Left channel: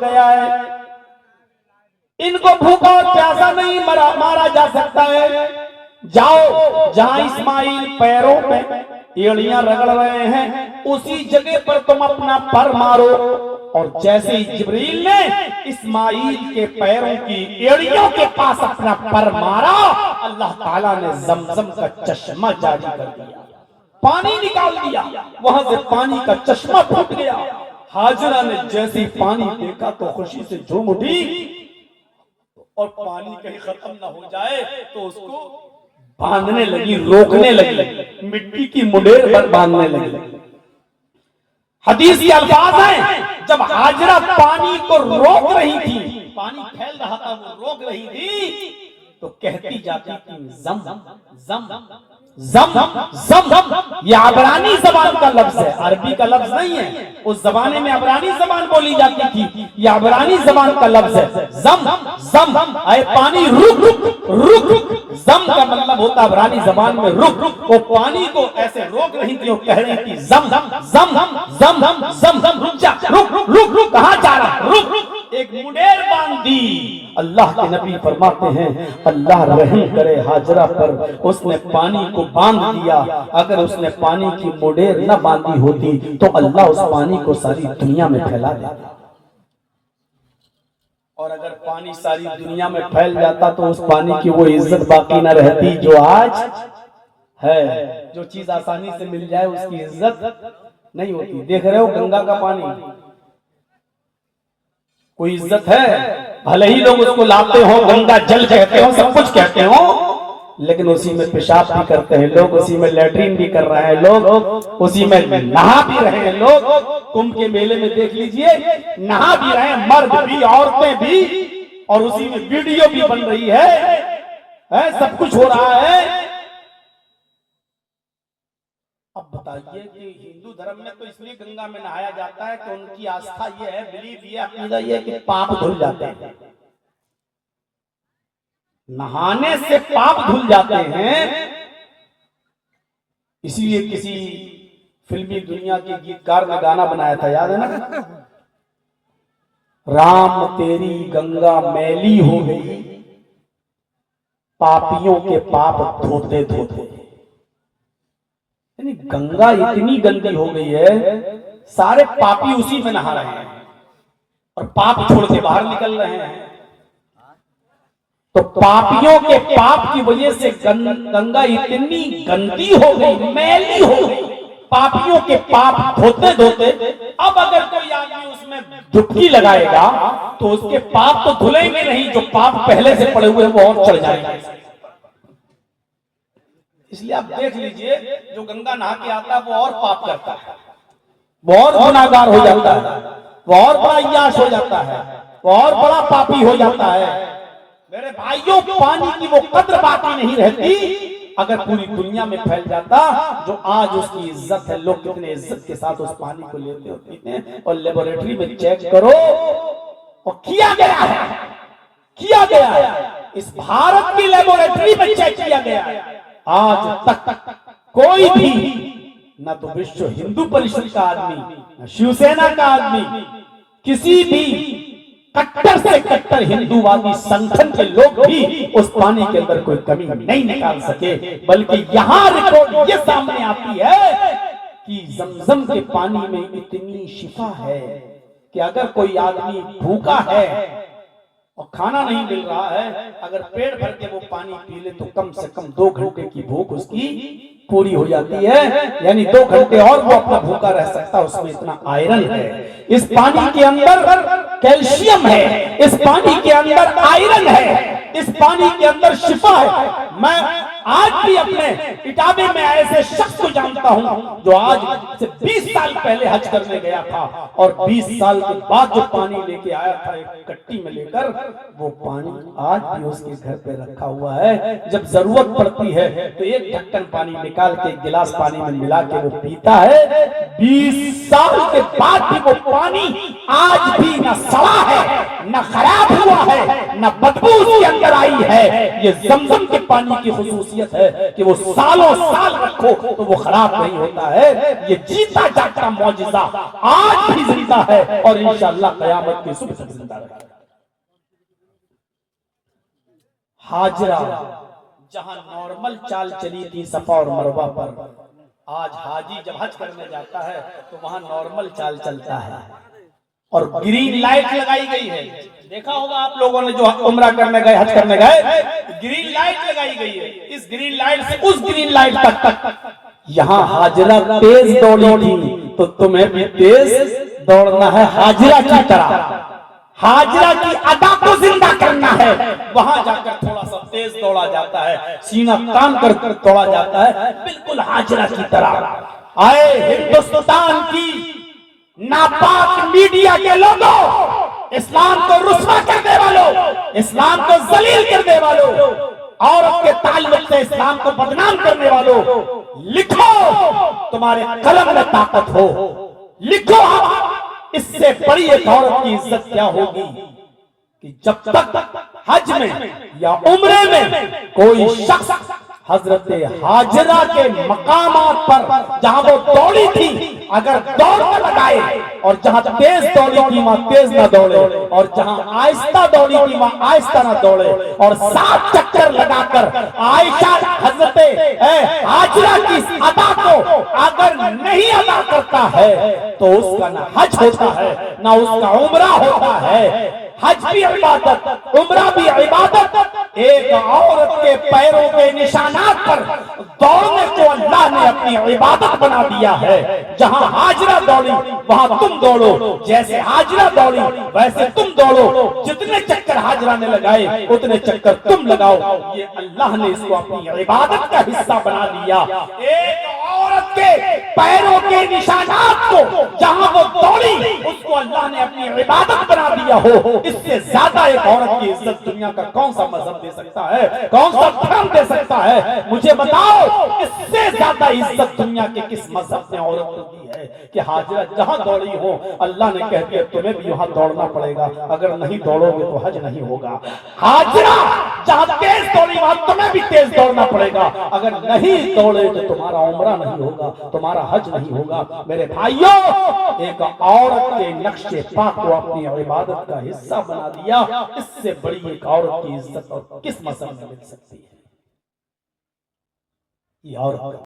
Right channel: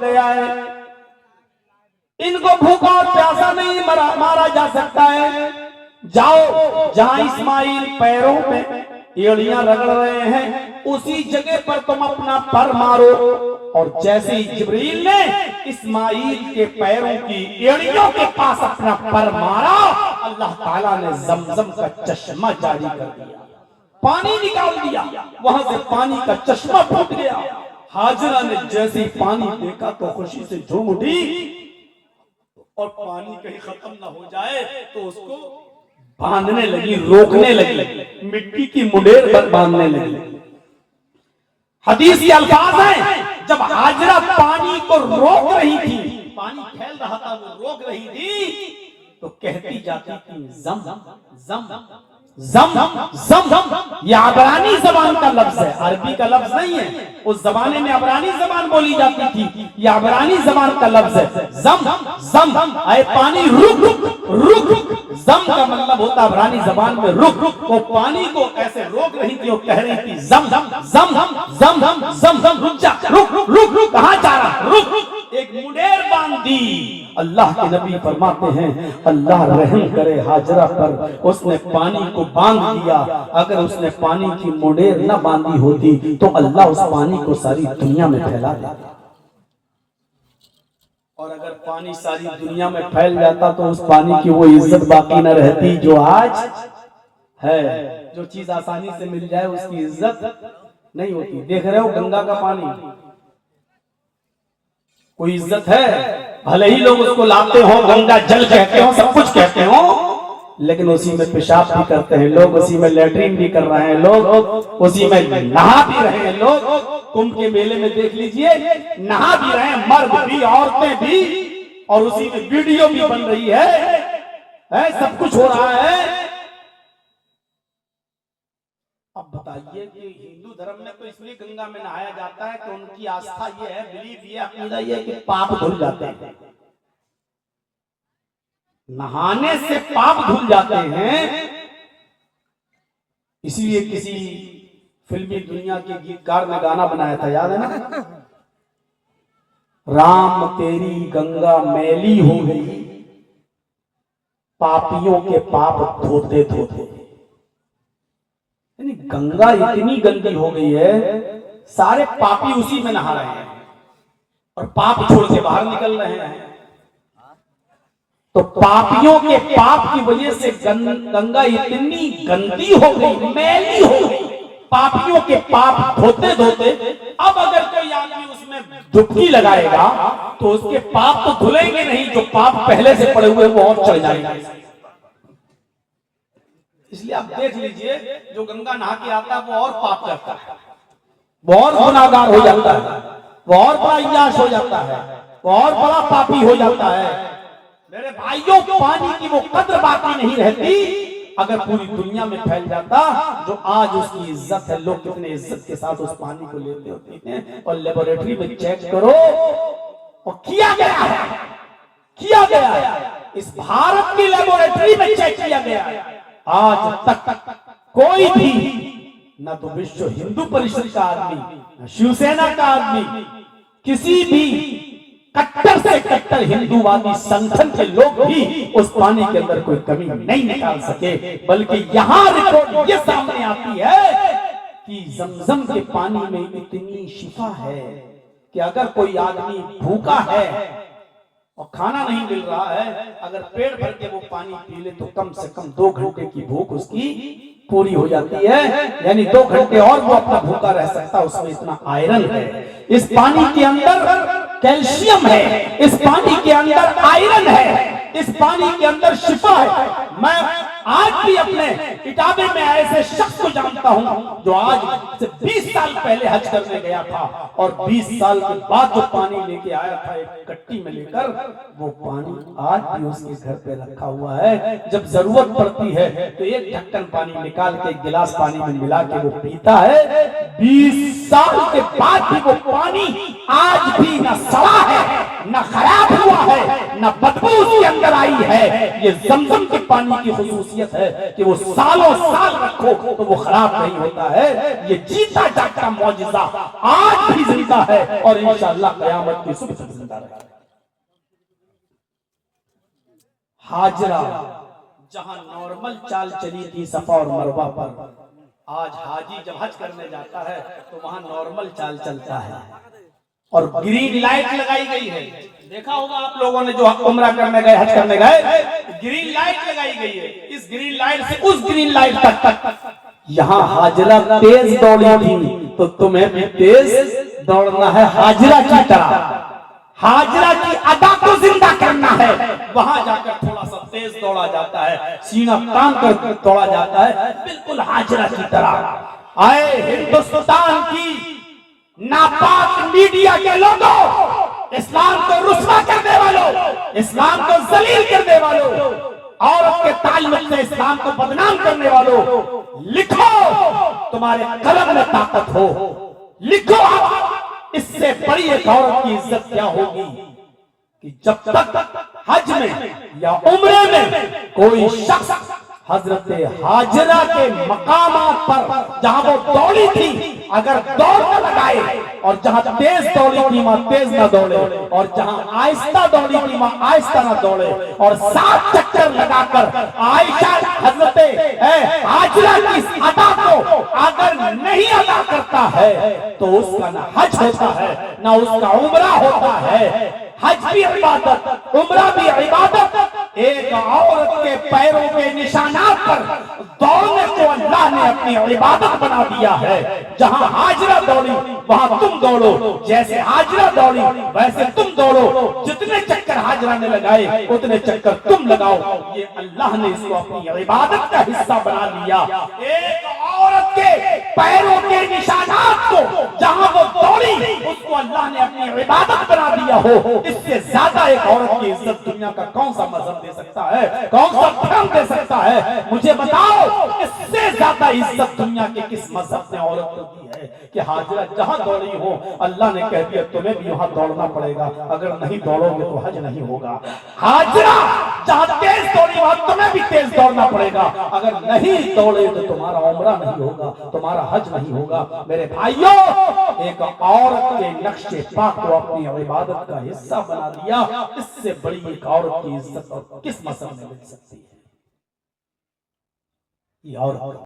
गया है, इनको भूखा और प्यासा नहीं मारा जा सकता है। जाओ जहां इस्माइल पैरों में एड़ियां रगड़ रहे हैं उसी जगह पर तुम अपना पर मारो। और जैसे ही जिब्रील ने इस्माइल के पैरों की एड़ियों के पास अपना पर मारा, अल्लाह ताला ने जमजम का चश्मा जारी कर दिया, पानी निकाल दिया, वहां से पानी का चश्मा फूट गया। हाजरा ने जैसे ही पानी देखा तो खुशी से झूम उठी, और पानी कहीं खत्म ना हो जाए तो उसको बांधने लगी, रोकने लगी, मिट्टी की मुडेर पर बांधने लगी। हदीस के अल्फाज हैं, जब हाजरा पानी को रोक रही थी, पानी फैल रहा था, वो रोक रही थी, तो कहती जाती थी जम जम जम जम जम। ये अबरानी जबान का लफ्ज है, अरबी का लफ्ज नहीं है। उस जमाने में अबरानी जबान बोली जाती थी, ये अबरानी जबान का लफ्ज है। जम जम, आए पानी रुक रुक रुक। जम का मतलब होता है अबरानी जबान में रुक। वो पानी को ऐसे रोक रही थी, वो कह रही थी जम जम जम जम जम जम, रुक जा, रुक रुक रुक रुक, कहां जा रहा, रुक रुक। एक मुडेर बांध दी। अल्लाह के नबी फरमाते हैं, अल्लाह रहम करे हाजरा पर, उसने पानी को बांध दिया। अगर उसने पानी की मुडेर न बांधी होती तो अल्लाह उस पानी को सारी दुनिया में फैला देता। और अगर पानी सारी दुनिया में फैल जाता तो उस पानी की वो इज्जत बाकी न रहती जो आज है। जो चीज आसानी से मिल जाए उसकी इज्जत नहीं होती। देख रहे हो गंगा का पानी, कोई इज्जत है? भले ही लोग उसको लाते हो, गंगा जल कहते हो, सब कुछ कहते हो, लेकिन उसी में पेशाब भी करते हैं लोग, उसी में लैट्रिन भी कर रहे हैं लोग, उसी में नहा भी रहे हैं लोग। कुंभ के मेले में देख लीजिए, नहा भी रहे हैं, मर्द भी औरतें भी, और उसी में वीडियो भी बन रही है, सब कुछ हो रहा है। अब बताइए कि हिंदू धर्म में तो इसलिए गंगा में नहाया जाता है कि उनकी आस्था ये है, बिलीफ ये, अकीदा ये कि पाप धुल जाते हैं। नहाने से पाप धुल जाते हैं। इसीलिए किसी फिल्मी दुनिया के गीतकार ने गाना बनाया था, याद है ना? राम तेरी गंगा मैली हो गई, पापियों के पाप धोते धोते। यानी गंगा इतनी गंदी हो गई है, सारे पापी उसी में नहा रहे हैं और पाप छोड़ के बाहर निकल रहे हैं। तो पापियों के पाप की वजह से गंगा इतनी गंदी हो गई, मैली हो गई, पापियों के पाप धोते धोते अब अगर कोई आदमी उसमें डुबकी लगाएगा तो उसके पाप तो धुलेंगे नहीं, जो पाप पहले से पड़े हुए वो और चढ़ जाएंगे। इसलिए आप देख लीजिए, जो गंगा नहा के आता है वो और पाप करता है, वो और गुनाहगार हो जाता है, वो और बड़ा याश हो जाता है, वो और बड़ा पापी हो जाता है। मेरे भाइयों, पानी की वो कद्र बाकी नहीं रहती। अगर पूरी दुनिया में फैल जाता, जो आज उसकी इज्जत है, लोग कितने इज्जत के साथ उस पानी को लेते और पीते हैं। और लेबोरेटरी में चेक करो, और किया गया है, इस भारत की लेबोरेटरी में चेक किया गया है। आज तक कोई भी, न तो विश्व हिंदू परिषद का आदमी, न शिवसेना का आदमी, किसी भी कट्टर से कट्टर हिंदूवादी संगठन के लोग भी उस पानी के अंदर कोई कमी नहीं निकाल सके। बल्कि यहाँ रिपोर्ट ये सामने आती है कि जमजम के पानी में इतनी शिफा है कि अगर कोई आदमी भूखा है और खाना नहीं मिल रहा है, अगर पेट भर के वो पानी पी ले तो कम से कम 2 घंटे की भूख उसकी पूरी हो जाती है। यानी 2 घंटे और वो अपना भूखा रह सकता, उसमें इतना आयरन है। इस पानी के अंदर कैल्शियम है, इस पानी के अंदर आयरन है, इस पानी के अंदर शिफा है। मैं आज भी अपने इटावे में ऐसे शख्स को जानता हूं जो आज से 20 साल पहले हज करने गया था, और 20 साल के बाद जो पानी लेके आया था एक कट्टी में लेकर, वो पानी आज भी उसके घर पे रखा हुआ है। जब जरूरत पड़ती है तो एक ढक्कन पानी निकाल के एक गिलास पानी में मिला के वो पीता है। 20 साल के बाद भी वो पानी आज भी न सड़ा है, न खराब हुआ है, न बदबू उसके अंदर आई है। ये जमजम के पानी की खुसूसियत है कि वो सालों साल रखो तो वो खराब नहीं होता है। ये जीता जागता मौजिजा आज भी जिंदा है और इंशाअल्लाह क़यामत की सुबह तक जिंदा रहेगा। हाजरा जहां नॉर्मल चाल चली थी सफा और मरवा पर, आज हाजी जब हज करने जाता है तो वहां नॉर्मल चाल चलता है और ग्रीन लाइट लगाई गई है। देखा होगा आप लोगों ने जो उम्रा करने गए, हज करने गए, ग्रीन लाइट लगाई गई है। इस ग्रीन लाइट से उस ग्रीन लाइट तक यहाँ हाजरा तेज दौड़ी थी तो तुम्हें भी तेज दौड़ना है हाजरा की तरह। हाजरा की अदा को जिंदा करना है। वहां जाकर थोड़ा सा तेज दौड़ा जाता है, सीना तान कर दौड़ा जाता है, बिल्कुल हाजरा की तरह। आए हिंदुस्तान की नापाक मीडिया के लोगों, इस्लाम को रुस्वा करने वालों, इस्लाम को जलील करने वालों, औरत के ताल्लुक से इस्लाम को बदनाम करने वालों, लिखो तुम्हारे कलम में ताकत हो, लिखो। इससे बड़ी एक औरत की इज्जत क्या होगी कि जब तक हज में या उम्रे में कोई शख्स हजरत हाजरा के मकामात पर जहां वो दौड़ी थी अगर दौड़ न लगाए और जहां तेज दौड़ी थी वहां तेज ना दौड़े और जहां आहिस्ता दौड़ी थी वहां आहिस्ता ना दौड़े और 7 चक्कर लगाकर आयशा हजरत हाजरा की अदा को अगर नहीं अदा करता है तो उसका ना हज होता है ना उसका उम्रा होता है। हज भी इबादत, उम्रा भी इबादत। एक औरत के पैरों के निशानात पर दौड़ने को अल्लाह ने अपनी इबादत बना दिया है। जहां हाजरा दौड़ी वहां तुम दौड़ो, जैसे हाजरा दौड़ी वैसे तुम दौड़ो। जितने चक्कर हाजरा ने लगाए उतने चक्कर तुम लगाओ। ये अल्लाह ने इसको अपनी इबादत का हिस्सा बना दिया। एक औरत के पैरों के निशानात को जहां वो दौड़ी उसको अल्लाह ने अपनी इबादत बना दिया हो। इससे ज्यादा एक औरत की इज्जत दुनिया का कौन सा मजहब दे सकता है, कौन सा धर्म दे सकता है? मुझे बताओ, इससे ज्यादा इज्जत दुनिया के किस मजहब ने औरत को दी है कि हाजरा जहां दौड़ी हो अल्लाह ने कह दिया तुम्हें भी वहां दौड़ना पड़ेगा, अगर नहीं दौड़ोगे तो हज नहीं होगा। हाजरा जहां तेज दौड़ी वहां तुम्हें भी तेज दौड़ना पड़ेगा, अगर नहीं दौड़े तो तुम्हारा उम्रा नहीं होगा, तुम्हारा हज नहीं होगा। मेरे भाइयों, एक औरत के नक्शे पाक को अपनी इबादत का हिस्सा बना दिया, इससे बड़ी एक औरत की इज्जत और किस मसले में मिल सकती है? ये औरत